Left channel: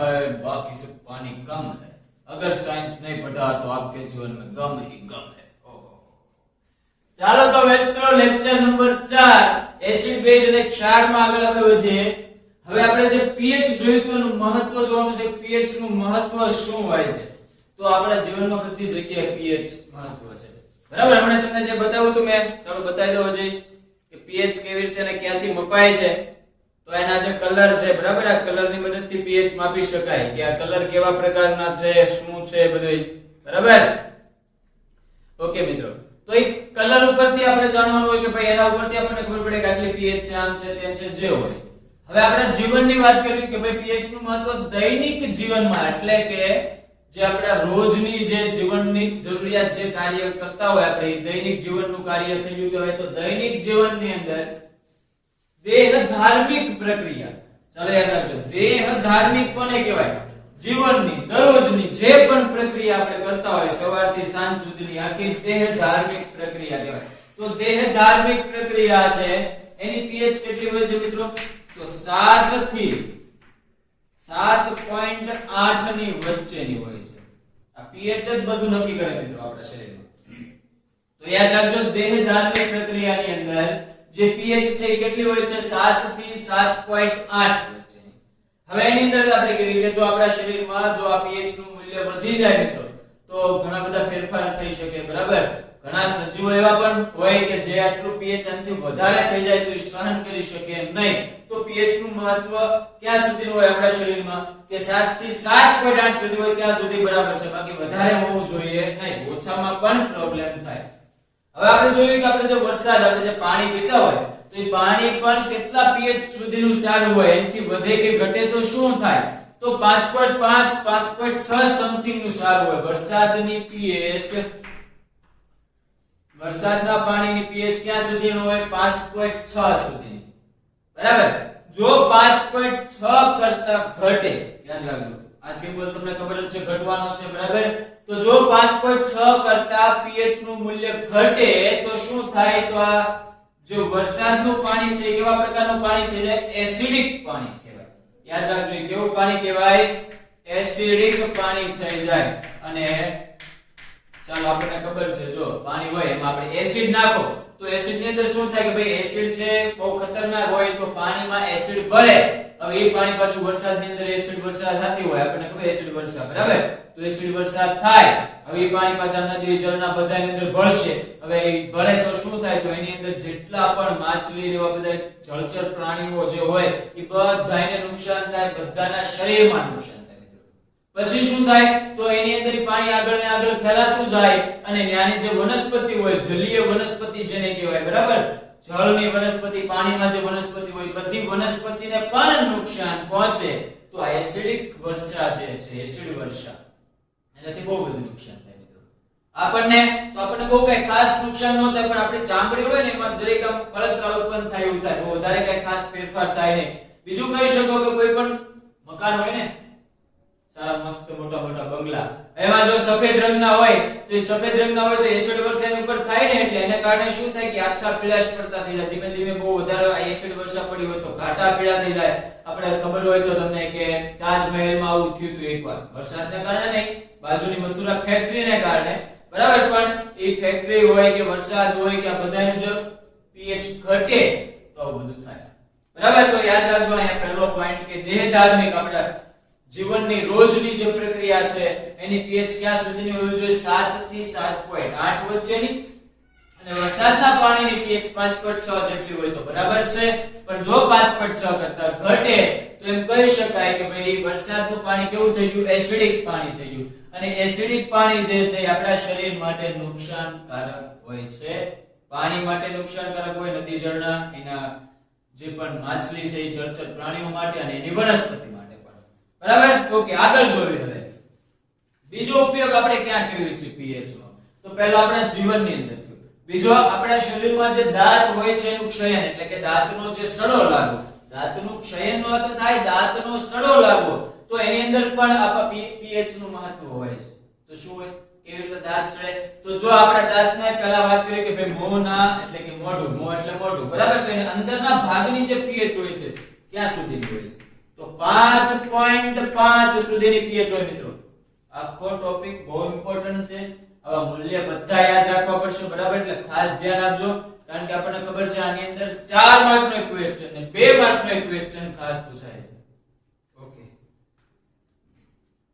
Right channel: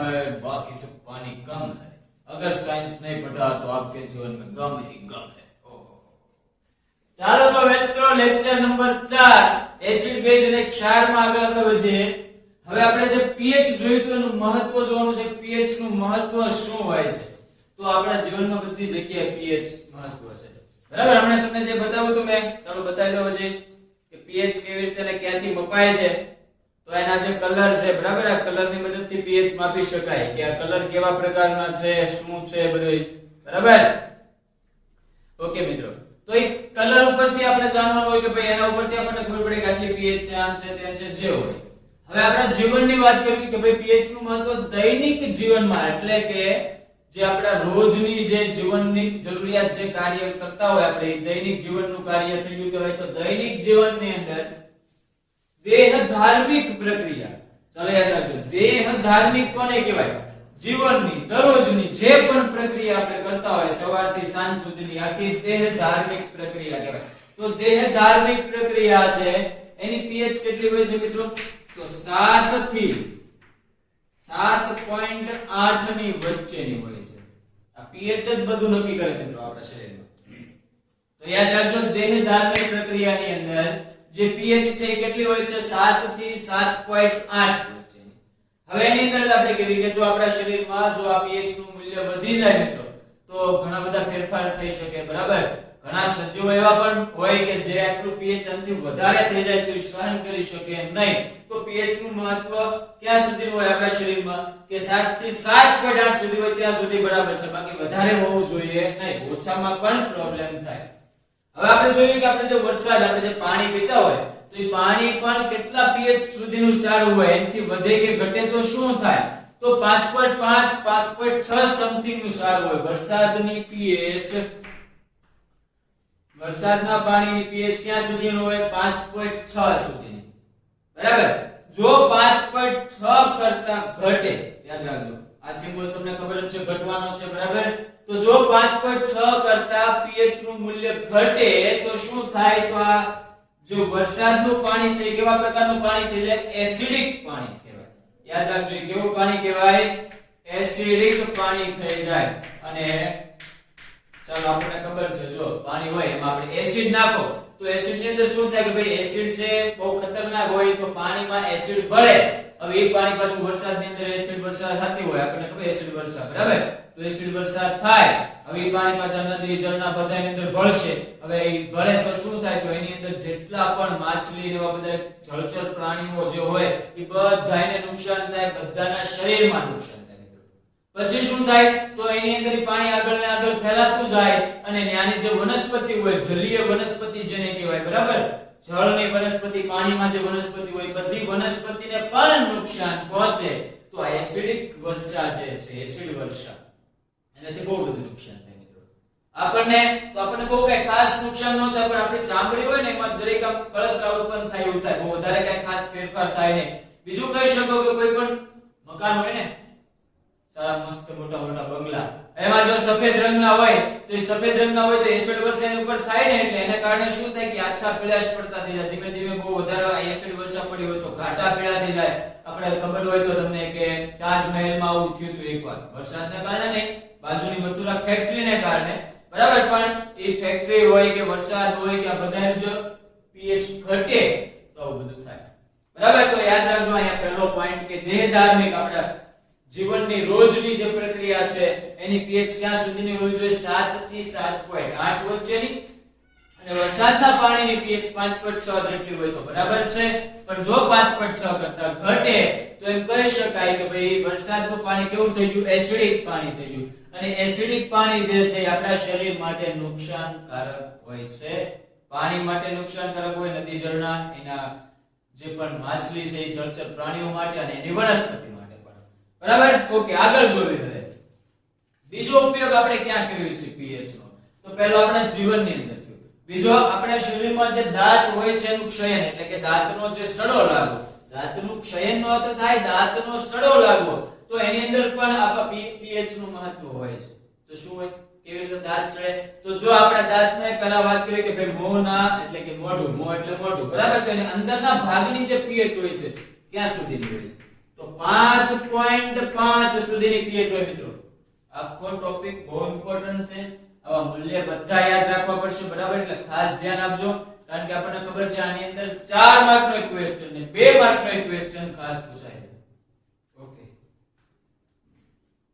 है बाकी सब पानी कम है, अगर साइंस नहीं पढ़ा तो आपके जीवन में गम ही गम है। ચાલો તો મિત્રો લેક્ચર નંબર 4 એસિડ બેઝ અને ક્ષારમાં આગળ આપણે વધીએ। હવે આપણે જે pH જોયું તો એનું મહત્વ જોવાનું છે, pH નું મહત્વ શું હોય છે। તો આપણા જીવનમાં બધી જગ્યાએ pH મહત્વ છે, બરાબર। હમણાં તમને જે બતાવ્યું તો મેં, ચાલો બતાવી દઉં હજી કે pH કેવી રીતે અને ક્યાંથી મપાય છે। તો એના જે કલર છે, બરાબર, આ કલરની મદદથી pH માપી શકાય કે આ કલર કેવા પ્રકારના છે, શું છે બધું, બરાબર। ઓકે મિત્રો, તો એ કલર ઉપરથી આપણે જાણવાનું હોય કે ભાઈ એના ઉપરથી આપણને ખબર પડે કે આટલી pH છે, આમ છે, તેમ છે, જે હોય। હવે આપણા જીવનની વાત કરીએ કે ભાઈ pH નું મહત્વ દૈનિક જીવનમાં, એટલે કે જે આપણા રોજની જે જીવનની જરૂરિયાત જે કાર્ય કરતા હોય આપણે, દૈનિક જીવનનું કાર્ય થઈ ગયું કહેવાય। તો દૈનિક જીવનની અંદર દેહ ધાર્મિક પ્રક્રિયા, ચાલો યાદ રાખજો, દેહ ધાર્મિક કોને કહેવાય? જીવનની દરરોજની જે પણ પ્રક્રિયા આપણે કરતા હોય સવારથી સાંજ સુધીની આખી દેહ ધાર્મિક પ્રક્રિયા કહેવાય। તો દેહ ધાર્મિક પ્રક્રિયા છે એની pH કેટલી હોય છે મિત્રો? તો 7 થી 7.8 ની વચ્ચેની હોય છે। આ pH જ બધું નક્કી કરે મિત્રો આપણા શરીરમાં। તો યાદ રાખજો, દેહ ધાર્મિક પ્રક્રિયાની અંદર જે pH છે એ કેટલી હોય છે? 7 થી 7.8 વચ્ચેની। હવે એની અંદર આપણે કહીએ કે જો આપણા શરીરમાં જો આ pH નું મૂલ્ય વધી જાય મિત્રો તો ઘણા બધા ફેરફાર થઈ શકે, બરાબર। ઘણા સજીવો એવા પણ હોય કે જે આટલું pH આનાથી વધારે થઈ જાય તો એ સહન કરી શકે નહીં। તો pH નું મહત્વ ક્યાં સુધી હોય આપણા શરીરમાં? કે 7 થી 7.8 સુધી હોય ત્યાં સુધી બરાબર છે, બાકી વધારે હોવું જોઈએ નહીં, ઓછામાં પણ પ્રોબ્લેમ થાય। હવે આપણે જોઈએ કે આપણે જે વરસાદ, આપણે જે પાણી પીતા હોય તો એ પાણી પણ કેટલા pH સુધીનું સારું હોય, એનાથી વધે કે ઘટે તો શું થાય? તો 5.5 5.6 સમથિંગ નું સારું હોય। વરસાદની pH, વરસાદના પાણીની pH ક્યાં સુધીનું હોય? 5.6 સુધી, બરાબર। જો 5.6 કરતા ઘટે, યાદ રાખજો આ સિમ્બોલ તમને ખબર જ છે, ઘટવાનો છે, બરાબર। તો જો 5.6 કરતા pH નું મૂલ્ય ઘટે તો શું થાય? તો આ જો વરસાદનું પાણી છે કેવા પ્રકારનું પાણી થઈ જાય? એસિડિક પાણી કહેવાય। યાદ રાખજો, કેવું પાણી કહેવાય? એસિડિક પાણી થઈ જાય। અને ચાલો આપણને ખબર છે, જો પાણી હોય એમાં આપણે એસિડ નાખો તો એસિડ ની અંદર શું થાય કે ભાઈ એસિડ છે બહુ ખતરનાક હોય, તો પાણીમાં એસિડ ભળે। હવે એ પાણી પાછું વરસાદની અંદર એસિડ વર્ષા થતી હોય, આપણને ખબર એસિડ વર્ષા, બરાબર। તો એસિડ વરસાદ થાય, હવે એ પાણી પાછા નદી ઝરણા બધાની અંદર ભળશે। હવે એ ભળે તો શું થાય? તો એની અંદર જેટલા પણ માછલી એવા બધા જળચર પ્રાણીઓ જે હોય એ બધાને નુકસાન થાય, બધાના શરીરમાં નુકસાન થાય। પછી શું થાય? તો એની અંદર પાણી આગળ ને આગળ ફેલાતું જાય અને ત્યાંની જે વનસ્પતિ હોય, જલીય વનસ્પતિ જેને કહેવાય, બરાબર, જળની વનસ્પતિ, પાણીમાં જે વનસ્પતિ હોય બધી વનસ્પતિને પણ નુકસાન પહોંચે। તો આ એસિડિક વર્ષા જે છે, એસિડ વર્ષા, એનાથી બહુ બધું નુકસાન થાય મિત્રો આપણને। તો આપણને બહુ કઈ ખાસ નુકસાન ન થાય, પણ આપણી ચામડી હોય ને એમાં જરીક આમ બળતરા ઉત્પન્ન થાય એવું થાય, બહુ વધારે કઈ ખાસ ફેરફાર થાય નહીં। બીજું કહી શકો કે કોઈ પણ મકાન હોય ને, સારા મસ્ત મોટા મોટા બંગલા, એમાં જો સફેદ રંગના હોય તો એ સફેદ રંગના હોય તો એસિડ વર્ષા એની ઉપર થાય ને એટલે એના કારણે શું થાય કે આછા પીળાશ પડતા થઈ જાય, ધીમે ધીમે બહુ વધારે આ એસિડ વર્ષા પડી હોય તો ઘાટા પીળા થઈ જાય। આપણે ખબર હોય તો તમને કે તાજમહેલમાં આવું થયું હતું એકવાર, વરસાદને કારણે નહીં, બાજુની મથુરા ફેક્ટરીને કારણે, બરાબર। પણ એ ફેક્ટરી હોય કે વરસાદ હોય કે આ બધાનું જો pH ઘટે તો આવું બધું થાય, બરાબર। તો યાદ રાખજો અહીંયા પહેલો પોઈન્ટ કે દેહ ધાર્મિક આપણા જીવનની રોજની જે પ્રક્રિયા છે એની pH ક્યાં સુધીની હોવી જોઈએ? 7 થી 7.8 વચ્ચેની। અને વરસાદના પાણીની pH 5.6 જેટલી હોય તો બરાબર છે, પણ જો 5.6 કરતા ઘટે તો એમ કહી શકાય કે ભાઈ વરસાદનું પાણી કેવું થઈ ગયું? એસિડિક પાણી થઈ ગયું। અને એસિડિક પાણી જે છે આપણા શરીર માટે નુકસાનકારક હોય છે, પાણી માટે નુકસાનકારક હોય, નદી ઝરણા, એના જે પણ માછલી છે એ જળચર પ્રાણીઓ માટે અને એની વનસ્પતિ માટે, બરાબર। ઓકે, આગળ જોઈએ હવે બીજો ઉપયોગ આપણે ક્યાં કરીએ છીએ pH નો? તો પહેલો આપણા જીવનની અંદર થયો, બીજો આપણા શરીરમાં જે દાંત હોય છે એનું ક્ષયન, એટલે કે દાંતનો જે સડો લાગવો, દાંતનું ક્ષયન નો અર્થ થાય દાંતનો સડો લાગવો, તો એની અંદર પણ આપણા pH નું મહત્વ હોય છે। તો શું હોય? કેવી રીતે દાંત સડે? તો જો આપણા દાંતમાં પહેલા વાત કરીએ કે ભાઈ મોંના, એટલે કે મોઢું, મોં એટલે મોઢું, બરાબર। તો એની અંદરના ભાગની જે pH હોય છે ક્યાં સુધીની હોય છે? તો 5.5 સુધીની pH હોય મિત્રો. આખો ટોપિક બહુ ઇમ્પોર્ટન્ટ છે. આવા મૂલ્ય બધા યાદ રાખવા પડશે બરાબર, એટલે ખાસ ધ્યાન આપજો, કારણ કે આપણને ખબર છે આની અંદર 4 માર્કનો એક ક્વેશ્ચન ને 2 માર્કનો એક ક્વેશ્ચન ખાસ પૂછાય છે. ઓકે,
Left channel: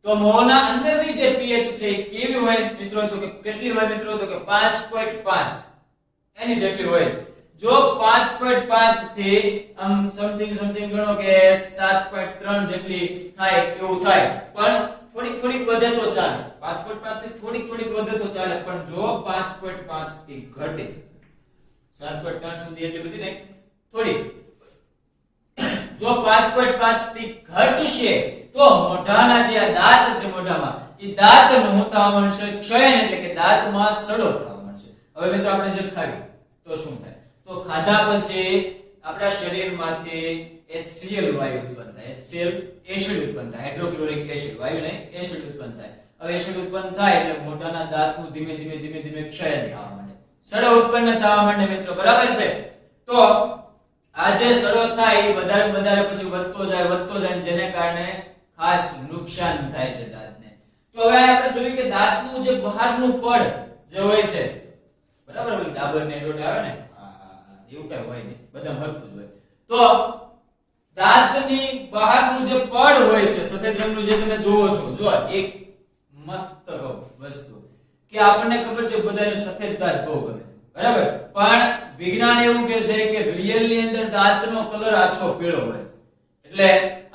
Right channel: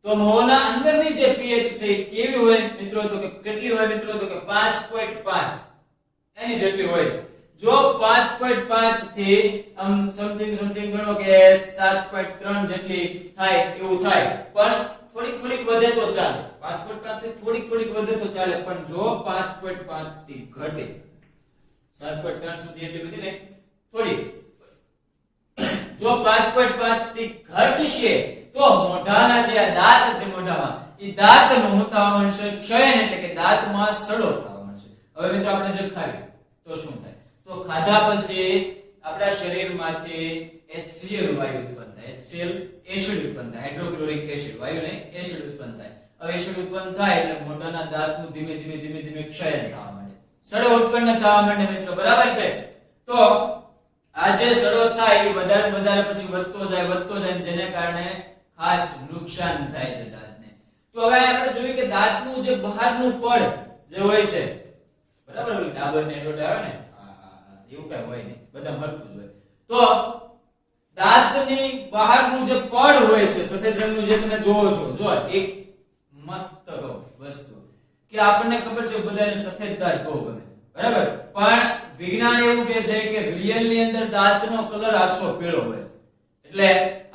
તો મોંના અંદરની જે pH છે એ કેવી હોય મિત્રો, તો કે કેટલી હોય મિત્રો, તો કે 5.5 એની જેટલી હોય છે. જો 5.5 થી આમ સમથિંગ ગણો કે 7.3 જેટલી થાય એવું થાય, પણ થોડીક વધે તો ચાલે. 5.5 થી થોડીક વધે તો ચાલે, પણ જો 5.5 થી ઘટે 7.3 સુધી એટલી બધી નહીં, થોડી જો 5.5 થી ઘટશે તો મોઢાના જે આ દાંત છે મોઢામાં, એ દાંતનું થવા માંડશે ક્ષયન, એટલે કે દાંતમાં સડો થવા માંડશે. હવે મિત્રો આપણે જે ખાવી તો શું થાય, તો ખાધા પછી આપણા શરીરમાંથી HCl વાયુ ઉત્પન્ન થાય. HCl એસિડ ઉત્પન્ન થાય, હાઇડ્રોક્લોરિક એસિડ, વાયુ નહીં એસિડ ઉત્પન્ન થાય. હવે એસિડ ઉત્પન્ન થાય એટલે મોઢાના દાંતનું ધીમે ધીમે ક્ષયન થવા માંડે, સડો ઉત્પન્ન થવા માંડે મિત્રો, બરાબર છે. તો આ જે સડો થાય એ વધારે પછી વધતો જાય, જેને કારણે ખાસ નુકસાન થાય છે દાંતને. તો હવે આપણે જોયું કે દાંતનું જે બહારનું પડ જે હોય છે બરાબર, ડાબર ને ડોટ આવે ને, એવું કઈ હોય નહીં, બધા હરખું જ હોય. તો દાંતની બહારનું જે પડ હોય છે સફેદ રંગનું, જે તમે જોવો છો, જો એક મસ્ત વસ્તુ કે આપણને ખબર છે બધાને સફેદ દાંત બહુ ગમે બરાબર, પણ વિજ્ઞાન એવું કહે છે કે રિયલ ની અંદર દાંતનો કલર આછો પીળો હોય છે. એટલે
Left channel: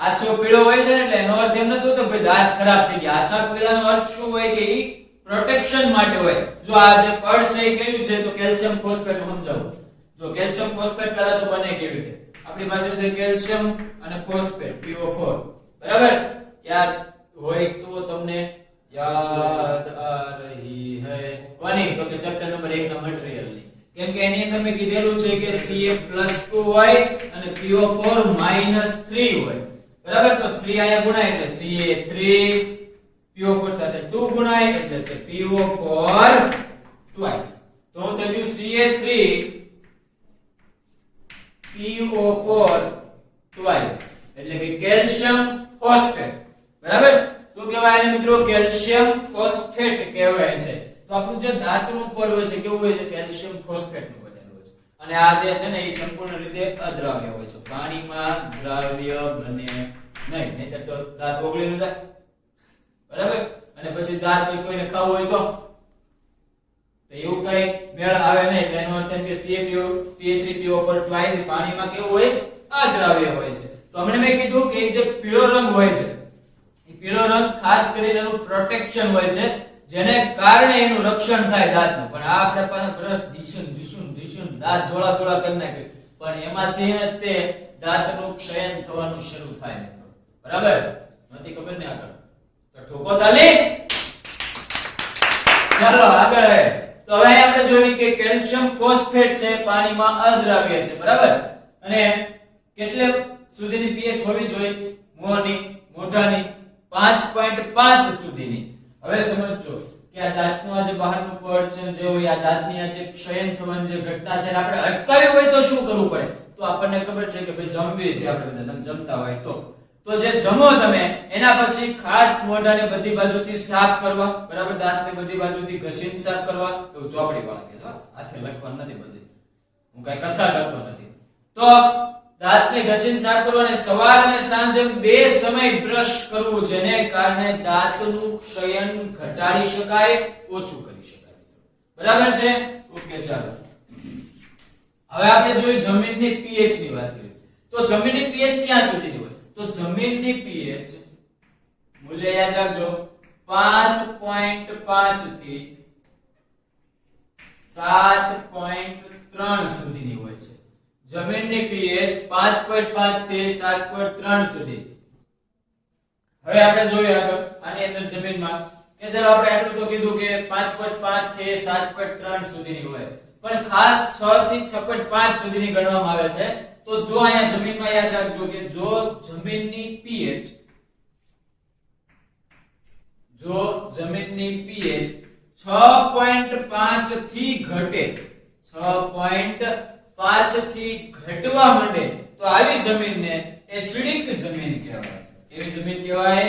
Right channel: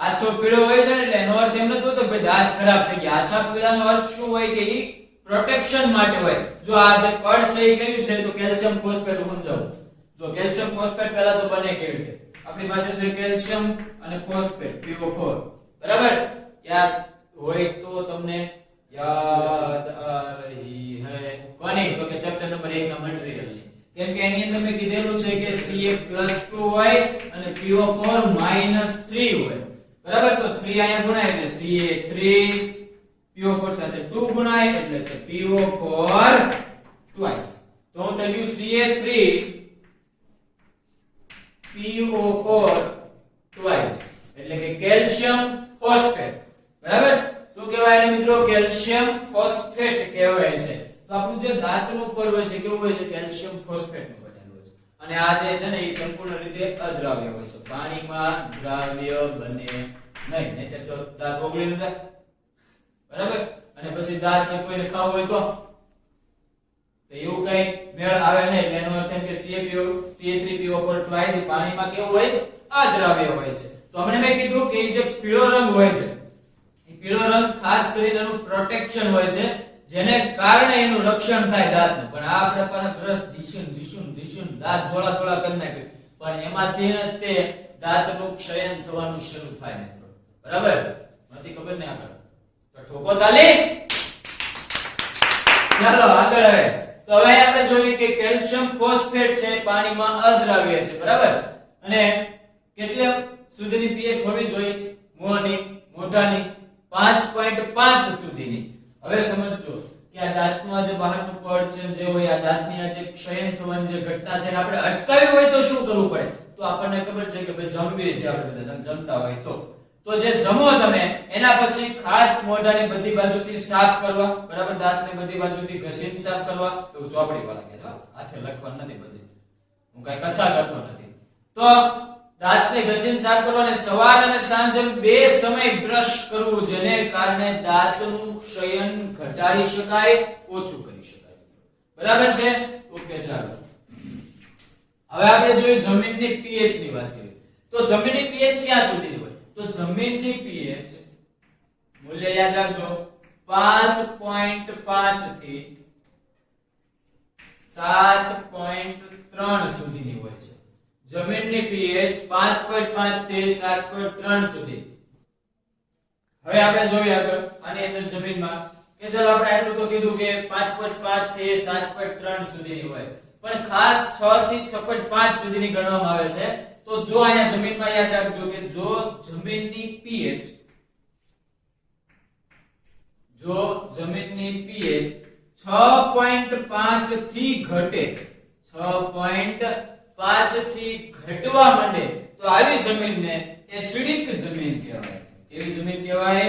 આછો પીળો હોય છે ને, એટલે એનો અર્થ એમ નથી હોતો ભાઈ દાંત ખરાબ થઈ ગયા. આછા પીળાનો અર્થ શું હોય કે ઈ પ્રોટેક્શન માટે હોય. જો આ જે પડ છે એ કયું છે, તો કેલ્શિયમ ફોસ્ફેટ. સમજાવું, જો કેલ્શિયમ ફોસ્ફેટ પહેલા તો બને કેવી રીતે, આપણી પાસે છે કેલ્શિયમ અને ફોસ્ફેટ PO4 બરાબર. યાદ હોય તો તમને યાદ આ રહી હે કોની, તો કે ચેપ્ટર નંબર 1 ના મટીરીયલ ની, કેમ કે એની અંદર મેં કીધેલું છે કે Ca+2 હોય અને PO4 -3 હોય બરાબર. તો 3 અહીંયા ગુણાય એટલે Ca3, PO4 સાથે 2 ગુણાય એટલે કે PO4 twice. તો હું થઈ ગયું Ca3 PO4 twice, એટલે કે કેલ્શિયમ ફોસ્ફેટ બરાબર. શું કહેવાય એને મિત્રો, કેલ્શિયમ ફોસ્ફેટ કહેવાય છે. તો આપણું જે દાંતનું પડ હોય છે કેવું હોય છે, કેલ્શિયમ ફોસ્ફેટ નું બનેલું હોય છે. અને આ જે છે ને એ સંપૂર્ણ રીતે અદ્રાવ્ય હોય છે, પાણીમાં દ્રાવ્ય બને નહીં, નહીતર તો દાંત ઓગળી ન જાય બરાબર. અને પછી દાંત કોઈને ખાવું હોય તો એવું કઈ મેળ આવે નહીં. એનો અર્થ એમ કે Ca3PO4 twice પાણીમાં કેવું હોય, અદ્રાવ્ય હોય છે. તો હમણે મેં કીધું કે જે પીળો રંગ હોય છે, એ પીળો રંગ ખાસ કરીને એનું પ્રોટેક્શન હોય છે, જેને કારણે એનું રક્ષણ થાય દાંતનું. પણ આ આપણે પાછા બ્રશ ધીશું દાંત ધોળા કરી નાખ્યું, પણ એમાંથી તે દાંતનું ક્ષયન થવાનું શરૂ થાય મિત્રો બરાબર. નથી ખબર ને આગળ તો ઠોકો તાલી. ચાલો આગળ. તો હવે આપણે જોઈએ કે કેલ્શિયમ ફોસ્ફેટ છે પાણીમાં અદ્રાવ્ય છે બરાબર. અને કેટલે સુધીની pH હોવી જોઈએ મોઢાની 5.5 સુધીની. હવે સમજો કે આ દાંતનું જે બહારનું પડ છે જે હોય, આ દાંતની આ જે ક્ષયન થવાની જે ઘટના છે આપણે અટકાવી હોય તો શું કરવું પડે, તો આપણને ખબર છે કે ભાઈ જમવી છે આપણે બધા, તમે જમતા હોય તો જે જમો તમે એના પછી ખાસ મોઢાને બધી બાજુથી સાફ કરવા બરાબર, દાંતને બધી બાજુથી ઘસીને સાફ કરવા. એવું ચોપડી વાળા કે હાથે લખવાનું નથી, બધી હું કઈ કથા કરતો નથી. તો દાંતને ઘસીને સાફ કરવા અને સવાર અને સાંજે 2 સમય બ્રશ કરવું, જેને કારણે દાંતનું ક્ષયન ઘટાડી શકાય, ઓછું કરી શકાય બરાબર છે. ઓકે ચાલો હવે આપણે જોઈએ જમીનની pH ની વાત કરીએ. તો જમીનની pH ક્યાં સુધીની હોય, તો જમીનની pH મૂલ્ય યાદ રાખજો 5.5 થી 7.3 સુધીની હોય છે. જમીનની pH 5.5 થી 7.3 સુધી. હવે આપણે જોઈએ આગળ આની અંદર જમીનમાં કે ચાલો આપણે એટલું તો કીધું કે 5.5 થી 7.3 સુધીની હોય, પણ ખાસ 6 થી 6.5 સુધીની ગણવામાં આવે છે. તો જો અહીંયા જમીનમાં યાદ રાખજો કે જો જમીનની pH 6.5 થી ઘટે, 6.5 થી ઘટવા માંડે, તો આવી જમીનને એસિડિક જમીન કહેવાય છે. કેવી જમીન કહેવાય?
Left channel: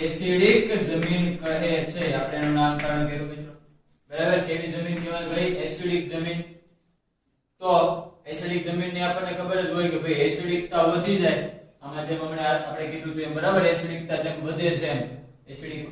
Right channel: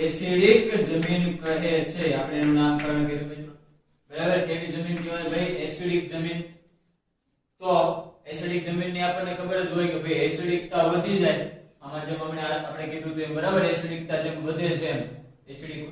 એસિડિક જમીન કહે છે. આપણે એનું નામકરણ કર્યું મિત્રો. બરાબર, કેવી જમીન કહેવાય ભાઈ? એસિડિક જમીન. તો એસિડિક જમીનની આપણને ખબર જ હોય કે ભાઈ એસિડિકતા વધી જાય. આમાં જેમ આપણે કીધું તેમ બરાબર, એસિડિકતા જેમ વધે છે એમ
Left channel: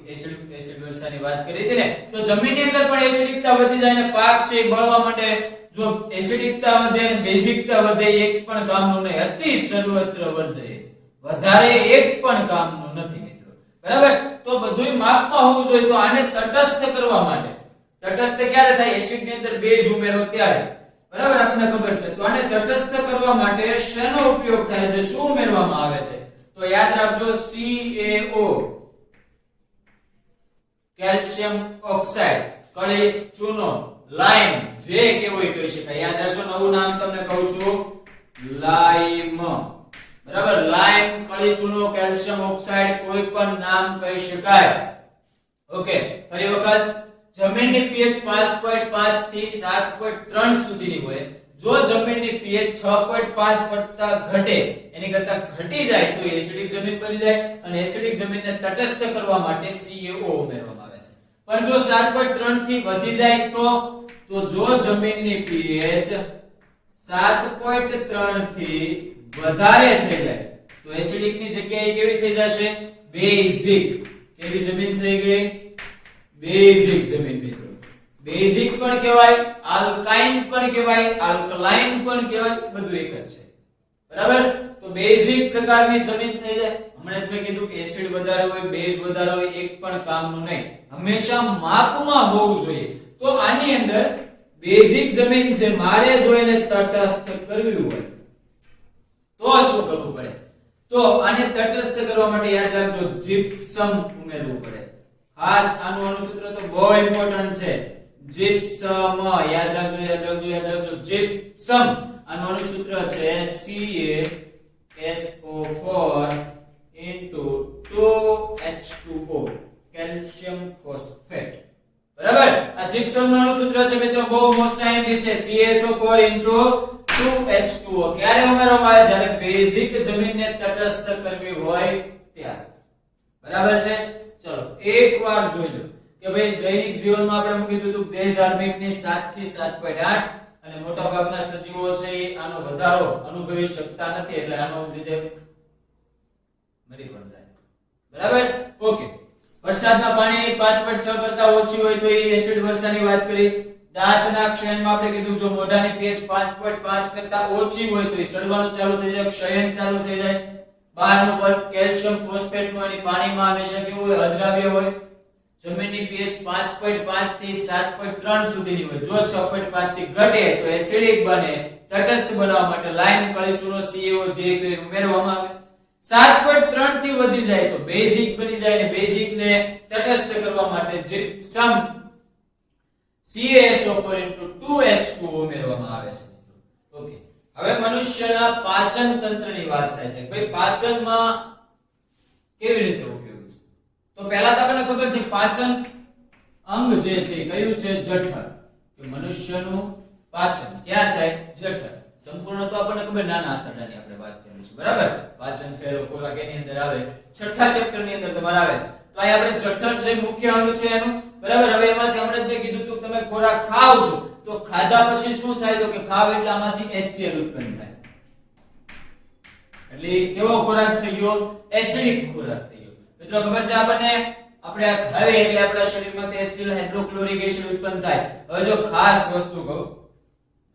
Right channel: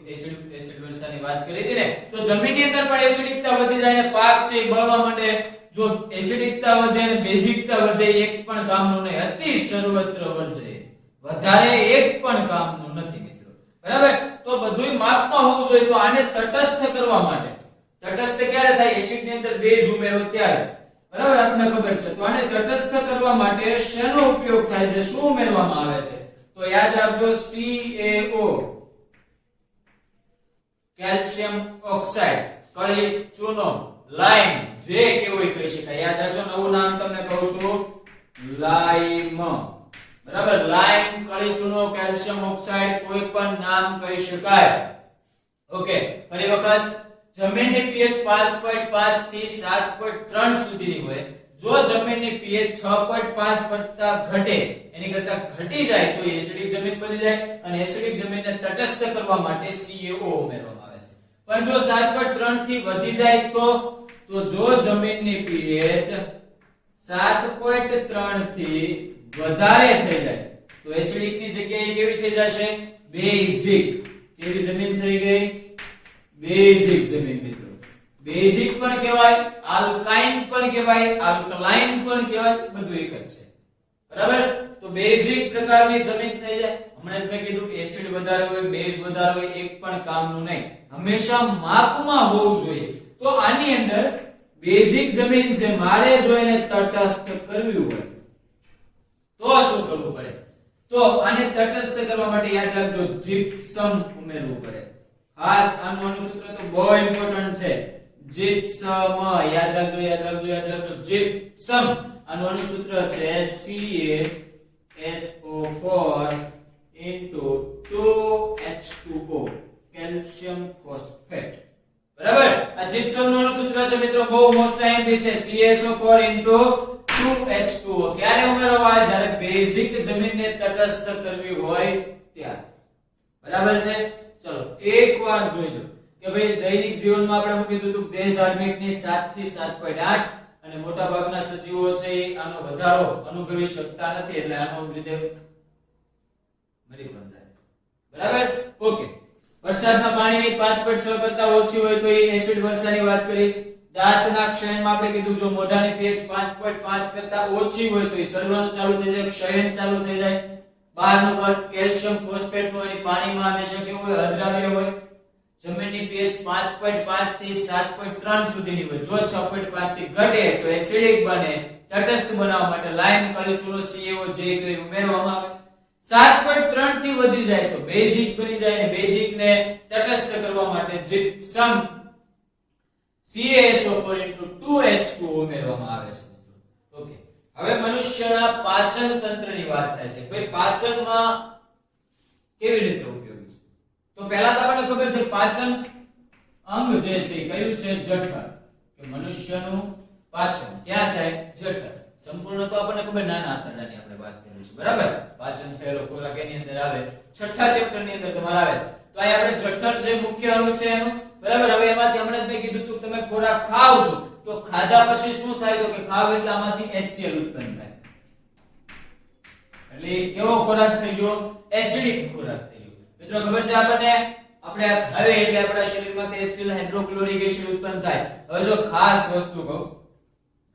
એસિડ વર્ષાની વાત કરી હતી ને, તો જમીનની અંદર પણ એસિડિકતા વધી જાય ને પાક છે એ બળવા માંડે. જો એસિડિકતા વધે અને બેઝિકતા વધે, એક પણ કામનું નહીં. અતિ સર્વત્ર વર્જ્ય, વધારે એક પણ કામનું નથી મિત્રો. બરાબર, તો બધુંય માપમાં હોવું જોઈએ. તો આને તટસ્થ કરવા માટે, તટસ્થ ક્યારે થાય? એસિડની અંદર બેઝ ઉમેરો ત્યારે. બરાબર, આપણને ખબર છે. તો આને તટસ્થ કરવા માટે શેનો ઉપયોગ થાય છે? શું ઉમેરવામાં આવે છે? તો યાદ રાખજો, CaO, કેલ્શિયમ ઓક્સાઇડ, કળી ચૂનો, લાઇમ, જે કેવું કહી શકાય. યાદ રાખજો, નવું નામ તમને કહું છું, લાઇમ. બરાબર, લાઇમ, કળી ચૂનો, કેલ્શિયમ ઓક્સાઇડ, કોઈ પણ નામ કહી શકાય. ઓકે, ફરી વખત, જમીનની pH 5.5 થી 7.3 સુધીની હોય. જો જમીનની pH 6.5 કરતા ઘટે, એની કરતા ઘટી જાય તો એસિડિક જમીન બની જાય. અને એસિડિક જમીનને તટસ્થ કરવા માટે CaO ઉમેરવામાં આવે છે. પણ જો 7.3 થી વધી જાય તો જો જમીનની pH 7.3 થી વધારે થઈ જાય તો એસિડિકની જગ્યાએ કેવી થઈ જશે? બેઝિક. કેવી જમીન થઈ ગઈ? બેઝિક જમીન મિત્રો. બેઝિક પણ કહેવાય, આલ્કાઇન પણ કહેવાય, આલ્કલાઇન પણ કહેવાય, બધું એક જ છે. બરાબર, તો બેઝિક પ્રકારની જમીન થઈ જાય. હમણાં જ મેં કીધું કે એસિડ વધારે હોય, બેઝ વધારે હોય, એક પણ કામનું નહીં. હંમેશા માપમાં હોવું જોઈએ. તો આની અંદર બેઝિક જમીન છે, મારે જોઈને તટસ્થ કરવી હોય તો શું કરવું પડે? તો આને તટસ્થ કરવા માટે યાદ રાખજો, જીપ્સમ ઉમેરવું પડે. ખાસ આનું અણુસૂત્ર તો બહુ ઇમ્પોર્ટન્ટ છે. જીપ્સમ, યાદ રાખજો, યાદ રાખજો, યાદ રાખજો. જીપ્સમ, આનું અણુસૂત્ર છે CaSO4 2H2O, કેલ્શિયમ ફોસ્ફેટ. બરાબર, આ જીપ્સમ નું અણુસૂત્ર છે મિત્રો, બહુ મોસ્ટ આઈએમપી છે. CaSO4 2H2O ક્યારે ઉમેરવામાં આવે? જ્યારે બેઝિક જમીનને તટસ્થ કરવી હોય ત્યારે. બરાબર છે. ચલો એકવાર જોઈ લો કે ભાઈ દૈનિક જીવનમાં આપણે શું કીધું હતું? દેહ ધાર્મિકની 7 થી 7.8 અને મોટા ભાગના સજીવો છે એ આનો વધારો અનુભવી શકતા નથી, એટલે આનો લીધે મરી પણ જાય. બરાબર, ઓકે. વરસાદના પાણીની 5.6 કરતા ઓછી હોય તો એ એસિડ વર્ષાની વાત કરી. દાંતના ક્ષયનમાં આપણે કીધું જો મોઢાની pH 5.5 કરતા ઓછી હોય તો એ સડવાનું ચાલુ થઈ જાય, ક્ષયન ચાલુ થઈ જાય. બહારનું પર કેલ્શિયમ ફોસ્ફેટ નું એની પાણીમાં હંમેશા કેવું હોય? અદ્રાવ્ય હોય. જમીનની pH 5.5 થી 7.3 સુધીની હોય. જો 6.5 થી ઘટે તો એસિડિક બને. તટસ્થ બનાવવા માટે લાઇમ, કળી ચૂનો, CaO જે ઉમેરવામાં આવે. 7.3 થી વધી જાય તો બેઝિક બની જાય, અને બેઝિક ને તટસ્થ કરવા માટે જીપ્સમ CaSO4 2H2O ઉમેરવામાં આવે છે. ઓકે, હવે મનુષ્યના પાચન તંત્રની વાત થાય છે. ભાઈ પાચનમાં કેવી રીતે ઉપયોગી છે? તો પહેલા તો આપણને ખબર છે પાચન અંગ જે છે કયું છે? જઠર. કે મનુષ્યનું પાચન ક્યાં થાય? જઠર. સંપૂર્ણ તો આપણને ખબર, નાના આંતરડાની આપણે વાત કરીશું. બરાબર, પાચન થયેલો ખોરાક એની અંદર આવે. છઠ્ઠા ચેપ્ટર ની અંદર તમારે આવે છે. તો આ આપણે જઠર છે, મુખ્ય અંગ છે એનું. બરાબર, હવે એમાંથી હમણાં જ મેં કીધું તું તમે ખોરાક ખાવ છો તો ખાધા પછી શું થાય? તો કે ખાવ એટલે આમાંથી HCl ઉત્પન્ન થાય. એટલે કેવો ખોરાક થઈ ગયો? એસિડિક ખોરાક થઈ ગયો. મિત્રો ખબર છે આપણને? આપણે આ ખાવે એટલે આપણા શરીરમાંથી HCl હાઇડ્રોક્લોરિક એસિડ ઉત્પન્ન થાય. હવે જો ખાસ વસ્તુ કહું,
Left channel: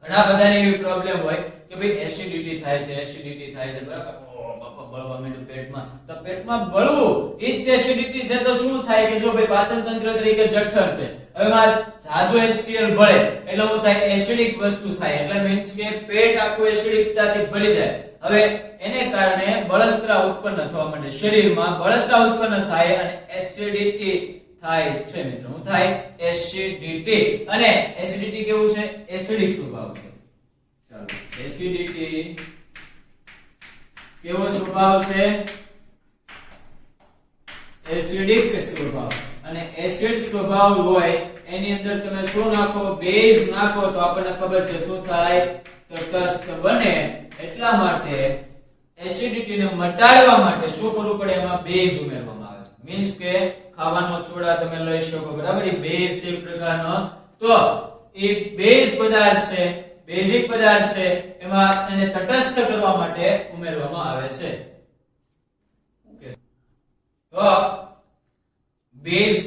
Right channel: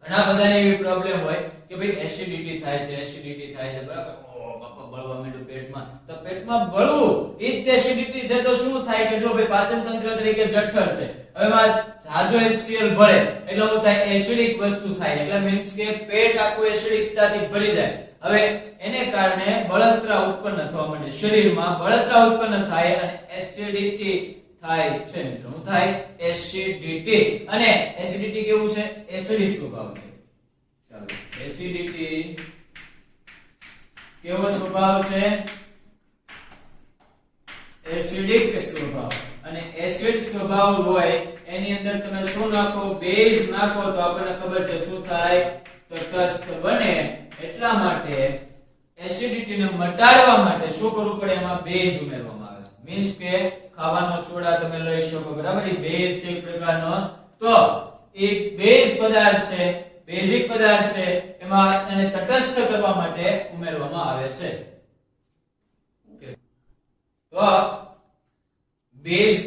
ઘણા બધાને એવી પ્રોબ્લેમ હોય કે ભાઈ એસિડિટી થાય છે, એસિડિટી થાય છે. બરાબર, બાપા બળવા માંડ્યું પેટમાં. તો પેટમાં બળવું એ જ એસિડિટી છે. તો શું થાય કે જો ભાઈ પાચન તંત્ર તરીકે જઠર છે, હવે માં જાજો HCl ભળે એટલે શું થાય? એસિડિક વસ્તુ થાય. એટલે મીન્સ કે પેટ આખું એસિડિકતાથી ભરી જાય. હવે એને કારણે બળતરા ઉત્પન્ન થવા માંડે. શરીરમાં બળતરા ઉત્પન્ન થાય અને એસિડિટી થાય છે મિત્રો. શું થાય? એસિડિટી. અને એસિડિટી કેવું છે? એસિડિક સ્વભાવ છે. ચાલો, એસિડિટી કેવો સ્વભાવ છે? એસિડિક સ્વભાવ. અને એસિડ સ્વભાવ હોય એની અંદર તમે શું નાખો? બેઝ નાખો તો આપણને ખબર છે શું થાય? તટસ્થ બને. એટલા માટે એસિડિટી ને મટાડવા માટે શું કરવું પડે, એમાં બેઝ ઉમેરવામાં આવે છે. મીન્સ કે ખાવાનો સોડા તમે લઈ શકો, બરાબર, એ બેઝ છે એક પ્રકારનો. તો એ બેઝ પદાર્થ છે, બેઝિક પદાર્થ છે, એમાં એને તટસ્થ કરવા માટે ઉમેરવામાં આવે છે. ઓકે, તો બેઝ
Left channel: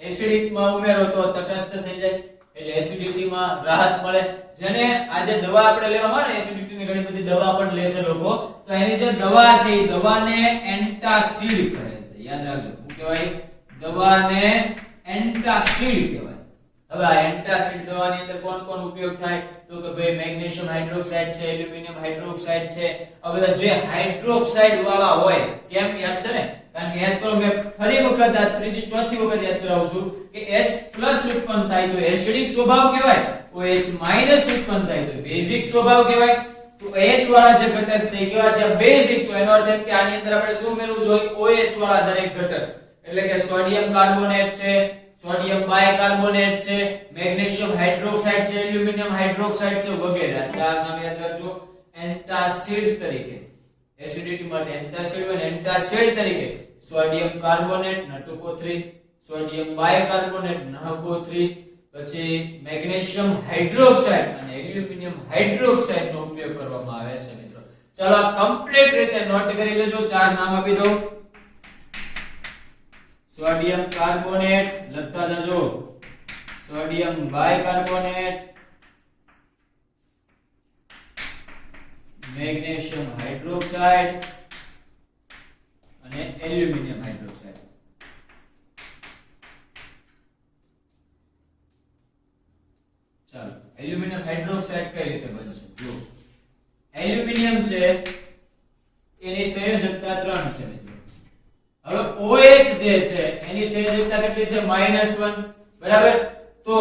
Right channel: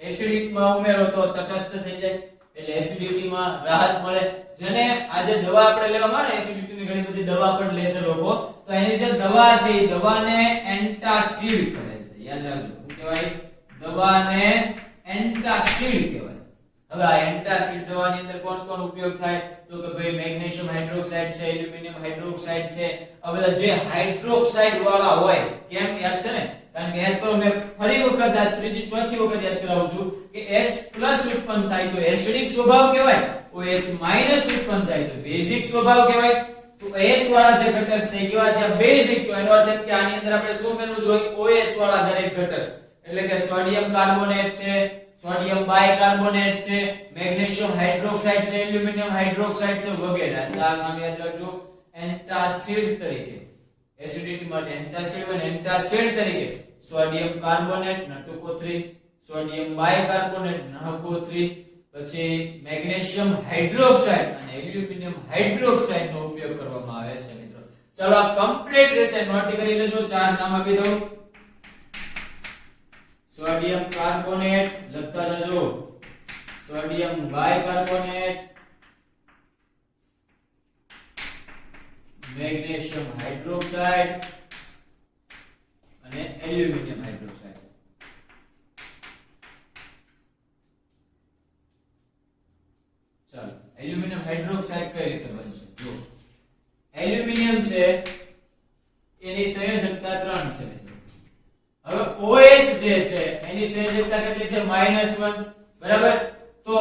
એસિડિકમાં ઉમેરો તો તટસ્થ થઈ જાય, એટલે એસિડિટીમાં રાહત મળે. જેને આજે દવા આપણે લેવામાં આવે, એસિડિટીની ઘણી બધી દવા પણ લે છે લોકો, તો એની જે દવા છે એ દવાને એન્ટાસિડ કહે છે. યાદ રાખજો, શું કહેવાય? દવાને એન્ટાસિડ કહેવાય. હવે આ એન્ટાસિડ દવાની અંદર કોણ કોણ ઉપયોગ થાય, તો કે ભાઈ મેગ્નેશિયમ હાઇડ્રોક્સાઇડ છે, એલ્યુમિનિયમ હાઇડ્રોક્સાઇડ છે, આ બધા જે હાઇડ્રોક્સાઇડ વાળા હોય. કેમ યાદ છે ને? કારણ કે યાદ કરો, મેં ફરી વખત આ ત્રીજી ચોથી વખત યાદ કરાવું છું કે H+ ઉત્પન્ન થાય તો એસિડિક સ્વભાવ કહેવાય, OH- ઉત્પન્ન થાય તો બેઝિક સ્વભાવ કહેવાય. તો H વાળા જે ઘટક છે કેવા છે? બેઝિક. તો એનો અર્થ એ કે આની અંદર આપણે શું ઉમેરવું જોઈએ? OH વાળા દરેક ઘટક, એટલે કે સોડિયમ કાર્બોનેટ છે, સોડિયમ બાયકાર્બોનેટ છે, મેગ્નેશિયમ હાઇડ્રોક્સાઇડ છે, એલ્યુમિનિયમ હાઇડ્રોક્સાઇડ છે, વગેરે. ચાર નામ યાદ રાખજો એન્ટાસિડ તરીકે. એસિડિટી માટે એન્ટાસિડ હોય, એન્ટાસિડ તરીકે sodium carbonate N2CO3, sodium bicarbonate NaCO3, પછી મેગ્નેશિયમ હાઇડ્રોક્સાઇડ અને એલ્યુમિનિયમ હાઇડ્રોક્સાઇડ નો ઉપયોગ કરવામાં આવે છે. મિત્રો ચાલો આ કમ્પ્લીટ રીતે નોટ કરી લેજો. ચાર નામ આપી દો. સોડિયમ કાર્બોનેટ લખતા જજો, સોડિયમ બાયકાર્બોનેટ, મેગ્નેશિયમ હાઇડ્રોક્સાઇડ અને એલ્યુમિનિયમ હાઇડ્રોક્સાઇડ. ચાલો એલ્યુમિનિયમ હાઇડ્રોક્સાઇડ કઈ રીતે બનશે? જો એલ્યુમિનિયમ છે એની સંયોજકતા 3 છે મિત્રો. હવે OH જે છે એની સંયોજકતા કેટલી છે? -1, બરાબર. તો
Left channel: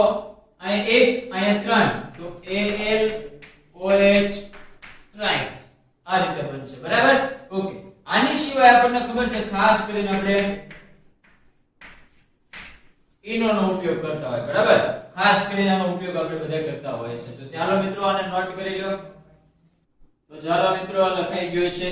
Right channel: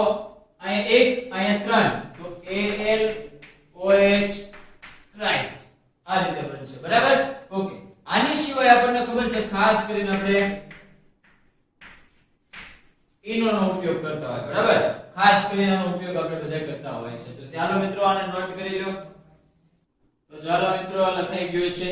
અહીંયા 1, અહીંયા 3, તો AlOH ટ્રાઇસ આ રીતે બનશે, બરાબર. ઓકે, આની સિવાય આપણને ખબર છે ખાસ કરીને આપણે ઇનો નો ઉપયોગ કરતા હોય, બરાબર. ખાસ કરીને આનો ઉપયોગ આપણે બધા કરતા હોય છે. તો ચાલો મિત્રો આને નોટ કરી લો. તો ચાલો મિત્રો આ લખાઈ ગયો છે.